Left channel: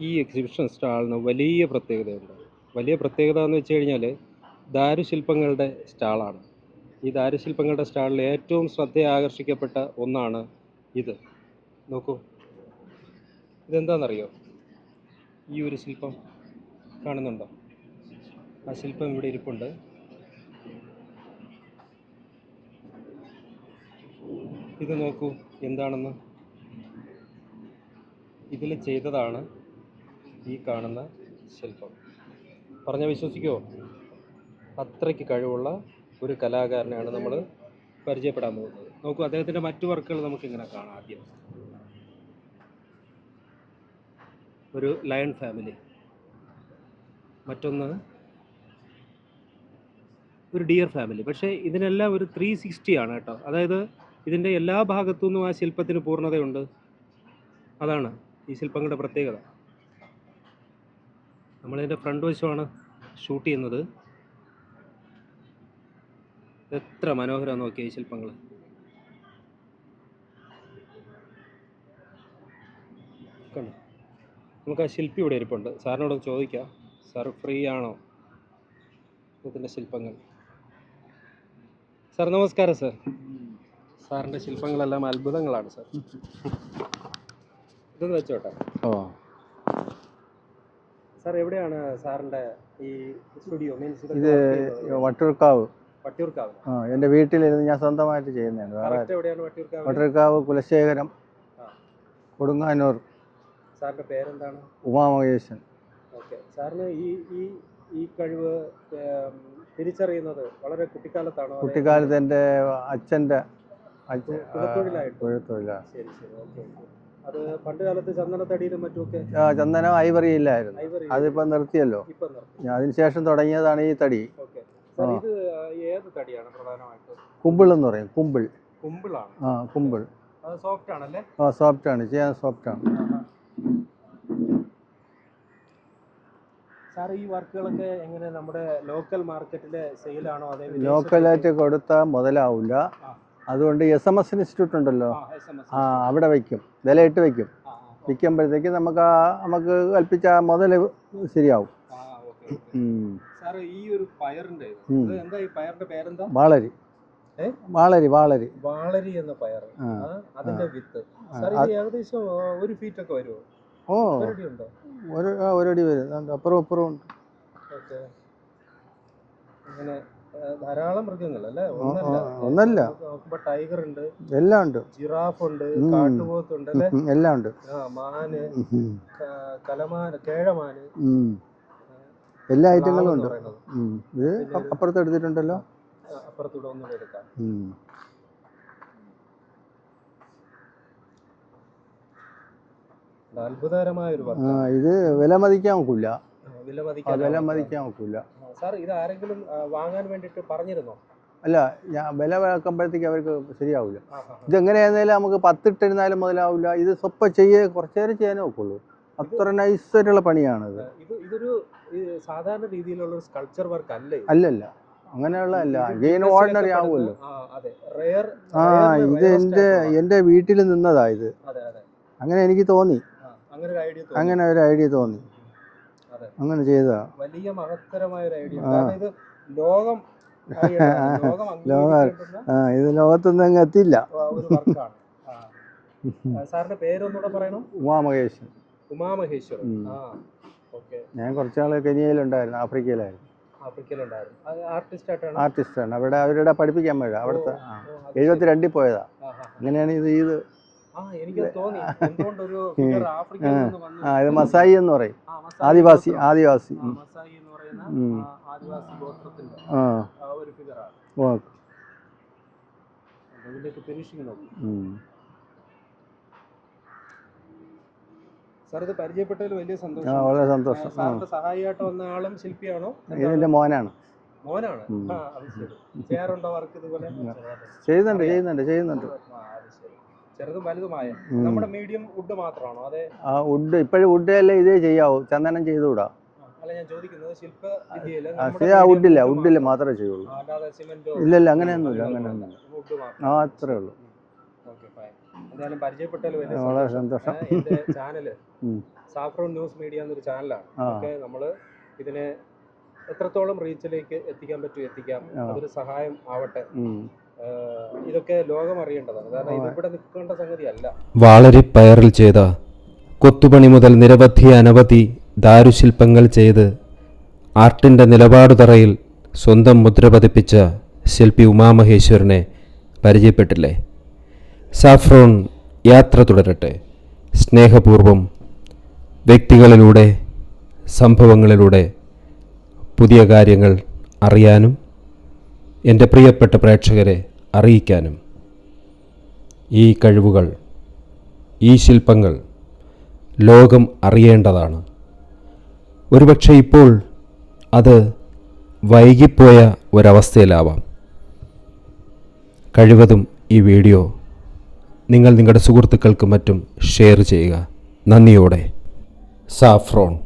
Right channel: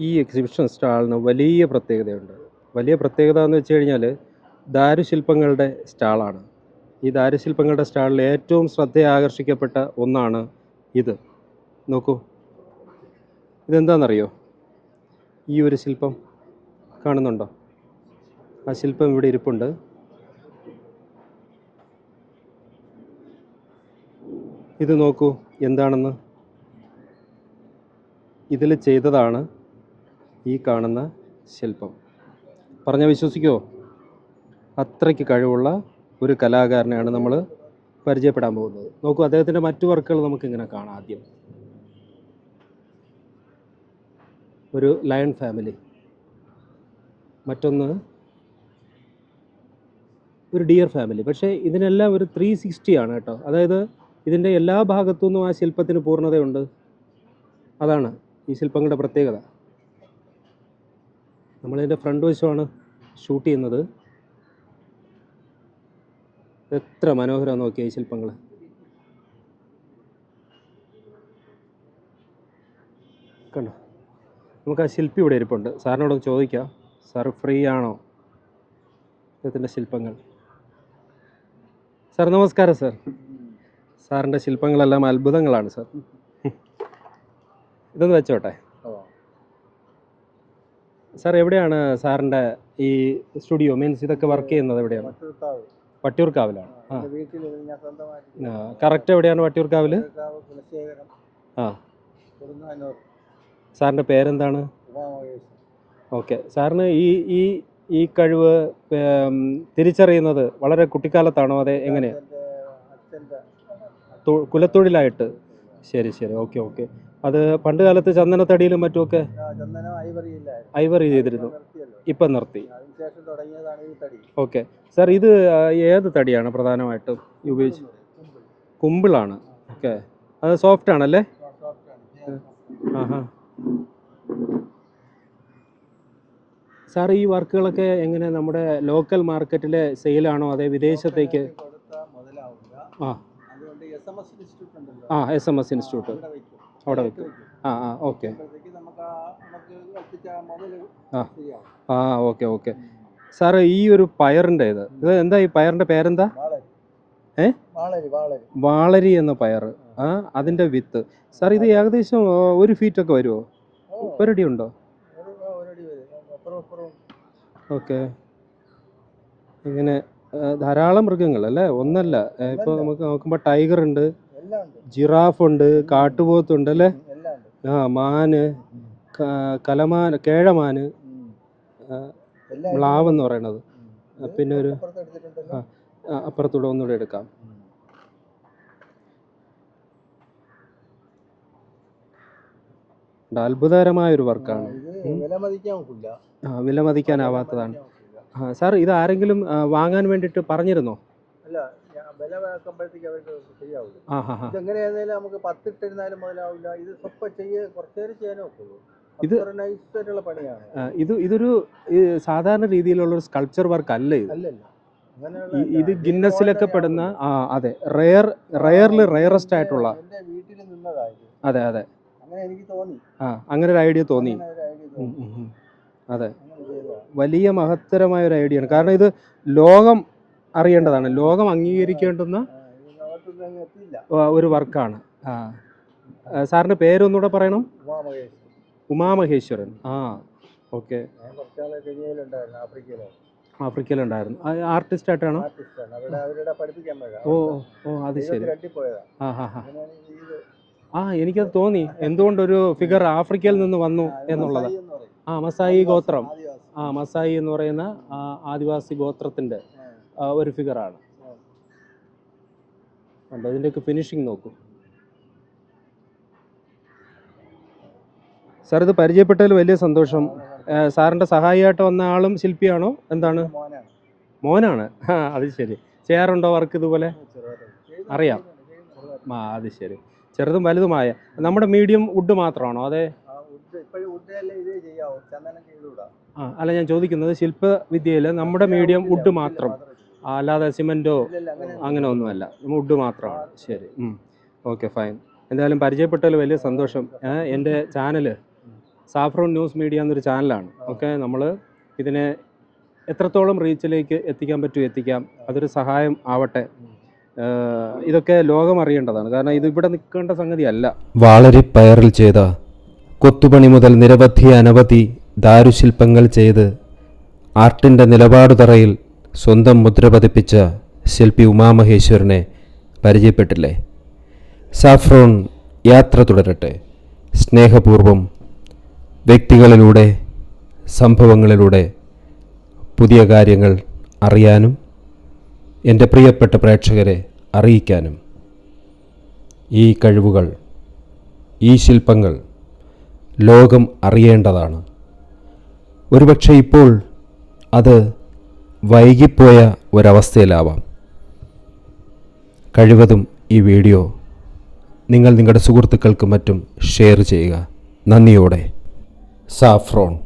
ഈ എക്സിബിഷൻ സ്റ്റാളിന് വലിയ പ്രത്യേകതയുണ്ട്. വലിയ പ്രത്യേകത എന്ന് വെച്ച് കഴിഞ്ഞാൽ ദാരുശില്പങ്ങളുടെ സ്റ്റാളാണ് ഈ ദാരുശില്പങ്ങളുടെ സ്റ്റാളിൽ ഏറ്റവും ശ്രദ്ധ ആകർഷിക്കപ്പെട്ട ഒന്നാണ് ഇത്. നോക്കൂ. ഇതെന്താണെന്നറിയോ ഈ ഒരു ശില്പം കാണുന്നുണ്ടോ? ആ ശില്പം ഇവിടെ ഇരിപ്പുണ്ട്. ഇത് നോക്കൂ എന്താണെന്ന്? ഇതിൽ ചെയ്തതാണ് ഈ കാണുന്ന ശില്പം. പറഞ്ഞാൽ വിശ്വസിക്കുമോ അത്രയ്ക്ക് കഴിവുള്ള ഒരു കലാകാരനെയാണ് നമ്മൾ പരിചയപ്പെടാൻ പോകുന്നത്. നോക്കൂ അദ്ദേഹത്തിന്റെ മറ്റു വർക്കുകൾ നമുക്കിങ്ങനെ കാണാം ആദ്യം. ഒരു ലയൺ ഫാമിലി. മറ്റൊന്ന് ഒരു ഡിയർ ഫാമിലി. പക്ഷേ ഇതിനെല്ലാം ഒരു ത്രീ സിക്സ്റ്റി ആണ് കേട്ടോ. അതായത് ഇതിന്റെ എല്ലാ ഭാഗത്തു നിന്നും ആ ശില്പത്തിന് പൂർണതയുണ്ട്. അതാണ് ഈ ശില്പങ്ങളുടെ പ്രത്യേകത. നമ്മളിതിന്റെ ഫ്രണ്ട് വശമാണ് ഷൂട്ട് ചെയ്യുന്നത്. എത്ര മനോഹരമാണ് നോക്കിയ ഈ ശില്പങ്ങൾ. കണ്ടോ? നമുക്ക് ആ ശില്പി ഇവിടെ ഇരിപ്പുണ്ട്. സാറിനോട് ചോദിക്കാം. സാർ ഫ്രീ ആണോ? അദ്ദേഹത്തിന്റെ ശില്പങ്ങൾ. സാർ നമസ്കാരം സാർ. സാറിന്റെ ശില്പങ്ങളെല്ലാം അത്ഭുതങ്ങളാണ് സാർ. ഇതൊന്ന് വെച്ചോട്ടെ. ഓ സാർ എവിടെയാണ് സാറിന്റെ ഈ സ്റ്റുഡിയോ? മീൻസ് ഇതൊക്കെ വർക്ക് ചെയ്യുന്നത് എവിടെ വട്ടൂർക്കാവ് വട്ടിയൂർക്കാവിലാണ് എന്റെ വീട്ടിലിരുന്ന് ഞാൻ സ്വന്തമായിട്ട് ചെയ്യുന്നത് കറക്റ്റ് എവിടെയാണ് വട്ടിയൂർക്കാവിൽ വട്ടിയൂർക്കാവ് കുലശേഖരം ആ. കൊടുങ്ങാനൂർ. സാറിന്റെ പേരെന്താണ്? ഉമാമഹേശൻ. ഓക്കെ. സാറിന് ഈ ഈ ഈ കഴിവ് തിരിച്ചറിയുന്നത് വളരെ കുട്ടിക്കാലത്താണോ? അതെ കുട്ടിക്കാലത്ത് അച്ഛന്റെ അച്ഛന്റെ കുലത്തൊഴിലായിട്ട്? ശരി ശരി. Okay okay. അത് പണ്ട് കാലത്ത് ചന്ദനത്തടിയിലും മറ്റുമൊക്കെ ചന്ദനം ഐവറി ഇല്ലായിരുന്നു. അതിപ്പം ചെയ്തിരുന്നു. നിർത്തിയല്ലോ. ഇപ്പം നിർത്തി. അതിനുശേഷം തുടങ്ങിയതാണ് ഈ തടി. ഓക്കെ. സാർ ഇത് ഏത് തടിയാണ് പ്രധാനമായിട്ടും കുമ്പിൾ എന്ന് പറയും. കുമ്പിൾ. കുമ്പിളാണ്. കുമ്പിൾ. അത് സോഫ്റ്റ് ആണല്ലേ? ആ സോഫ്റ്റ് ആണ്. ചെയ്യാൻ സോഫ്റ്റ് ആണ്. സാർ ഈ വർക്കുകളൊക്കെ എങ്ങനെ നമ്മുടെ ലോക്കൽ മാർക്കറ്റിലെ സെയിലാണോ അതേ വിദേശത്തേക്ക്? കൊടുത്താൽ മുതലാവില്ല ആ. അതുകൊണ്ട് എസ് എം എസ് ഇൻസ്റ്റിറ്റ്യൂട്ട് ഉണ്ടല്ലോ. എസ് എം എസ് ഇൻസ്റ്റിറ്റ്യൂട്ട് അവിടെ വയ്ക്കും. വിലയിട്ട് വയ്ക്കും. വയ്ക്കുമ്പോഴത്തേക്ക് നമുക്ക് നമുക്ക് കൽപ്പിച്ച മുതൽ. ശരിയാവും. ആ ഓക്കെ ഓക്കെ. സാറ് ഈ ഒരു പയറിന്റെ ഇത് ഇത് എന്താ ഈ പയറിന്റെ പേരെന്താ? വാളരി? വാളരി വാളരി. വാളരി എന്ന പയർ അതിന്റെ വിത്ത്. സാർ ഇത് ഏകദേശം ഒരു ഫീറ്റ് ഒക്കെ വരുമോ ഒരടി ഉണ്ടോ ഒരടി വരും. അപ്പുറം അപ്പുറം ഉണ്ട്. ഓക്കെ. ഇങ്ങനെ ധാരാളം മൃഗങ്ങൾ അല്ലേ? ഒന്നല്ല. ഒന്നല്ല. നമുക്ക് നോക്കുമ്പോ ടൈഗർ ഉണ്ട്. എല്ലാം ഉണ്ട്. ജിറാഫ് ഉണ്ട്. കാട്ടുപോത്തുണ്ട് അല്ലേ? എല്ലാം ഉണ്ട്. ആ മാന് കലമാന് കേഴമാന്. എല്ലാ എന്ന് പറയണത് പിന്നെ ഒരു- അപ്പുറത്ത് എടുത്തിട്ടുണ്ടല്ലോ? ആ, അപ്പുറത്തൂടെ ഒന്നുകൂടെ എടുക്കാം. അത്ഭുതകരമായ ഒരു വർക്കാണ്. ഇത് വില മതിക്കാൻ ഒക്കില്ല വില വില മതിക്കാനാവാത്തതാണ് മതിക്കാൻ ഒക്കില്ല. സാർ ഇത് ആരെങ്കിലും വാങ്ങാൻ വേണ്ടിയിട്ട് പറഞ്ഞിരുന്നോ? അല്ല ഞാൻ വില വെക്കുമ്പോഴത്തേക്ക് അവർക്ക് ശരിയാവില്ല ഇതെങ്ങനെയായിരുന്നാലും നമുക്ക് പത്തിട്ടിരുന്നാലും മുതലാവില്ല ഇത് സ്വപ്പം ചെയ്യേ കുറച്ചു നേരം ചെയ്യാനേ ഒക്കുള്ളൂ. ഇത്- നൈസായിട്ടുള്ള പണിയാണ് ഇത്. ഇതൊരു സാധാരണ രീതിയിലുള്ള ഒരു സ്കൾപ്ചർ വർക്ക് അല്ല അല്ലല്ല. എന്റെ വീട്ടിൽ നിന്നതാ ഇത്. അതെ അതെ. അങ്ങനെ എനിക്ക് തോന്നി. അങ്ങനെ ഒരു ഐഡിയ തോന്നി. അങ്ങനെ ഒരു ഐഡിയ തോന്നി. അതെ. അങ്ങനെ ചെയ്തതാ. വലിയ മഹത്തരമായ ഒരു ഐഡിയ ആണ്. കാരണം ഇത് ലോകം അറിയേണ്ടതാണ്. ലോകം അംഗീകരിക്കേണ്ടുന്ന ഇത് ലോകത്തൊന്നും അങ്ങ് എത്തില്ല ഒരു വർക്കാണ്. സാറിന്റെ പേരൊന്നുകൂടെ പറയണം? ഉമാമഹേശ്വർ ഉമാമഹേശ്വരൻ. ആ ഓക്കെ. ഞാൻ കുറച്ച് കുറച്ചാൾ കെനിയയിലുണ്ടായിരുന്നു ആഫ്രിക്കയിലായിരുന്നു. ആഫ്രിക്കയിലുണ്ടായിരുന്നു. ആർട്ടിസ്റ്റ് ആയിട്ടാണ്? ആർട്ടിസ്റ്റാണ്. അവിടെ അവരുടെ പഠിപ്പിക്കാൻ പോയത് എഴുപത്തി രണ്ടിൽ പോയതാ. അങ്ങനെയാണ് ഇത് ഇത് ആ എനിക്ക് തോന്നി. എന്തുകൊണ്ടൊരു ഫിഗർ ആഫ്രിക്കയിൽ നിന്ന് വന്നു മസായി എന്ന് പറയും. ആ മസായി ആദിവാസി ഗോത്രം. ആദിവാസി. ആ മസായി എന്ന് പറയുന്ന ആദിവാസി ഗോത്രത്തിന്റെ ഒരു ഫിഗറാണ് ആണ്. ഇതിന്റെയൊക്കെ ഫിനിഷിംഗ് നോക്കും. സാർ ഇത് പരിചയപ്പെട്ടതിൽ വലിയ സന്തോഷം. സാറിന്റെ സഹായിയായിട്ട് വന്ന ആളും ശില്പിയാണോ? എന്താണ്? മോനാണ്. മോനാണ്? അത് ശരി. ചെയ്യാറുണ്ടോ വർക്ക് ഇതുപോലെ? ചെയ്യുന്നുണ്ട് അറിയാം. ചെയ്യുന്നുണ്ട് ചെയ്യുന്നുണ്ട്. ആ അത് ശരി. ചെറുതും വലുതുമായ. നമ്മുടെ മീഡിയം വുഡ് മാത്രമാണോ? അതെ. ആ വുഡ് ഇപ്പോഴും വുഡ് അല്ലേ ഇതേ ചെയ്യാവൂ. ചന്ദനം ചെയ്തുകൂടാ. അല്ല ഞാൻ ചോദിക്കുന്നത് ശില്പ വിദ്യയിൽ നമ്മുടെ മീഡിയം മാത്രമേ ചെയ്യുള്ളൂ. അല്ലാതെ സിമെന്റോ അങ്ങനെ അങ്ങനെ ഒന്നുമല്ല വുഡ് മാത്രം. മാത്രമേ ഓക്കെ ഫൈൻ എന്തായാലും പരിചയപ്പെട്ടതിൽ വലിയ സന്തോഷം. എന്റെ ചാനൽ സാഫ്രോൺ ന്യൂസ് മീഡിയ എന്നൊരു ചാനലാണ്. ഓക്കെ നമ്മൾ ഇതിനെ എത്രത്തോളം റീച്ചിലേക്ക് എത്തിക്കാൻ പറ്റും എത്തിക്കാം. അതൊരു സഹായം ആവട്ടെ. ഇതൊക്കെ ലോകം അറിയേണ്ടതാണ്. കാരണം ഇത് ഇവിടെ നിൽക്കേണ്ട സംഗതി അല്ല. വളരെ പയറിൽ ചെയ്ത കൊത്തുപണി മുതൽ നിരവധി അനവധി ദാരുശില്പങ്ങൾ ചെയ്ത് ആർട്ടിന്റെ നിലപാടുതറയിൽ സ്വന്തം മുദ്ര പതിപ്പിച്ച ശില്പി ഉമാമഹേശ്വരനെ പരിചയപ്പെട്ടില്ലേ? സാഫ്രോൺ യാത്ര തുടരട്ടെ. സ്നേഹപൂർവം വ്യക്തികളിലൂടെ സംഭവങ്ങളിലൂടെ പുതിയ കാര്യങ്ങൾ അറിയാനും എന്റെ പ്രിയപ്പെട്ട പ്രേക്ഷകരെ അറിയിക്കാനും ഈ കഴിവുകൾ ഈ ശില്പങ്ങൾ ലോകം അറിയേണ്ടതാണ്. ഒരുപക്ഷെ ഇപ്പോൾ അത് വൈകിപ്പോയ ഒരവസ്ഥയിലാവാം. കഴിവതും ഈ വീഡിയോ നിങ്ങൾ നിങ്ങളുടെ സുഹൃത്തുക്കൾക്കും മറ്റും ഷെയർ ചെയ്യുക. നന്ദിയോടെ. സാഫ്രോൺ.